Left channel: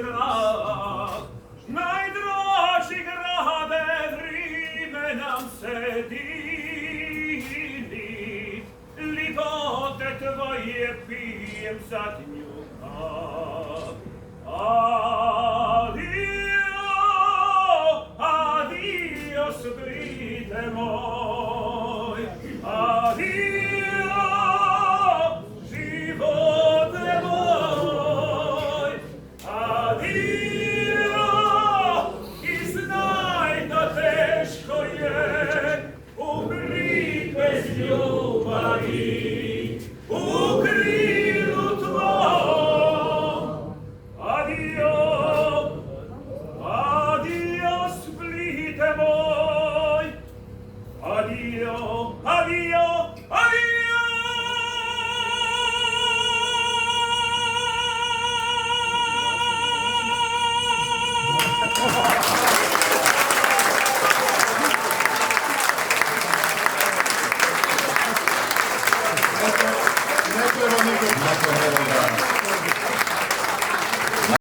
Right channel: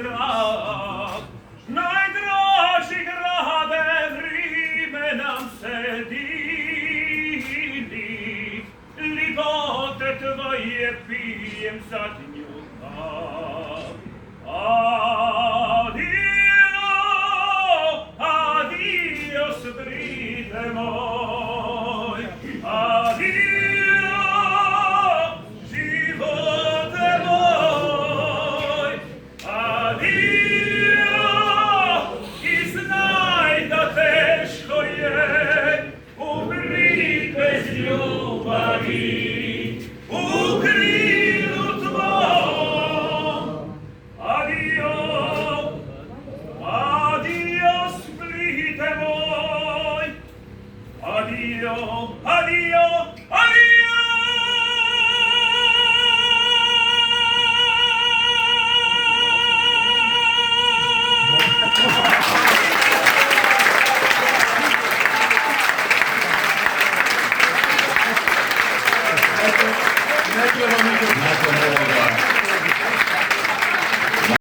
strach. Najdraži grade vrime nam se divi, lipote tvoje pijem zadnju kap. Adio, adios, brite moj, adio, živote moj, adio, i znaj da teško je umri bez ljubavi, u krilu tvom. Adio, adio, Splite moj, adio, adio, adio. Nakon ovog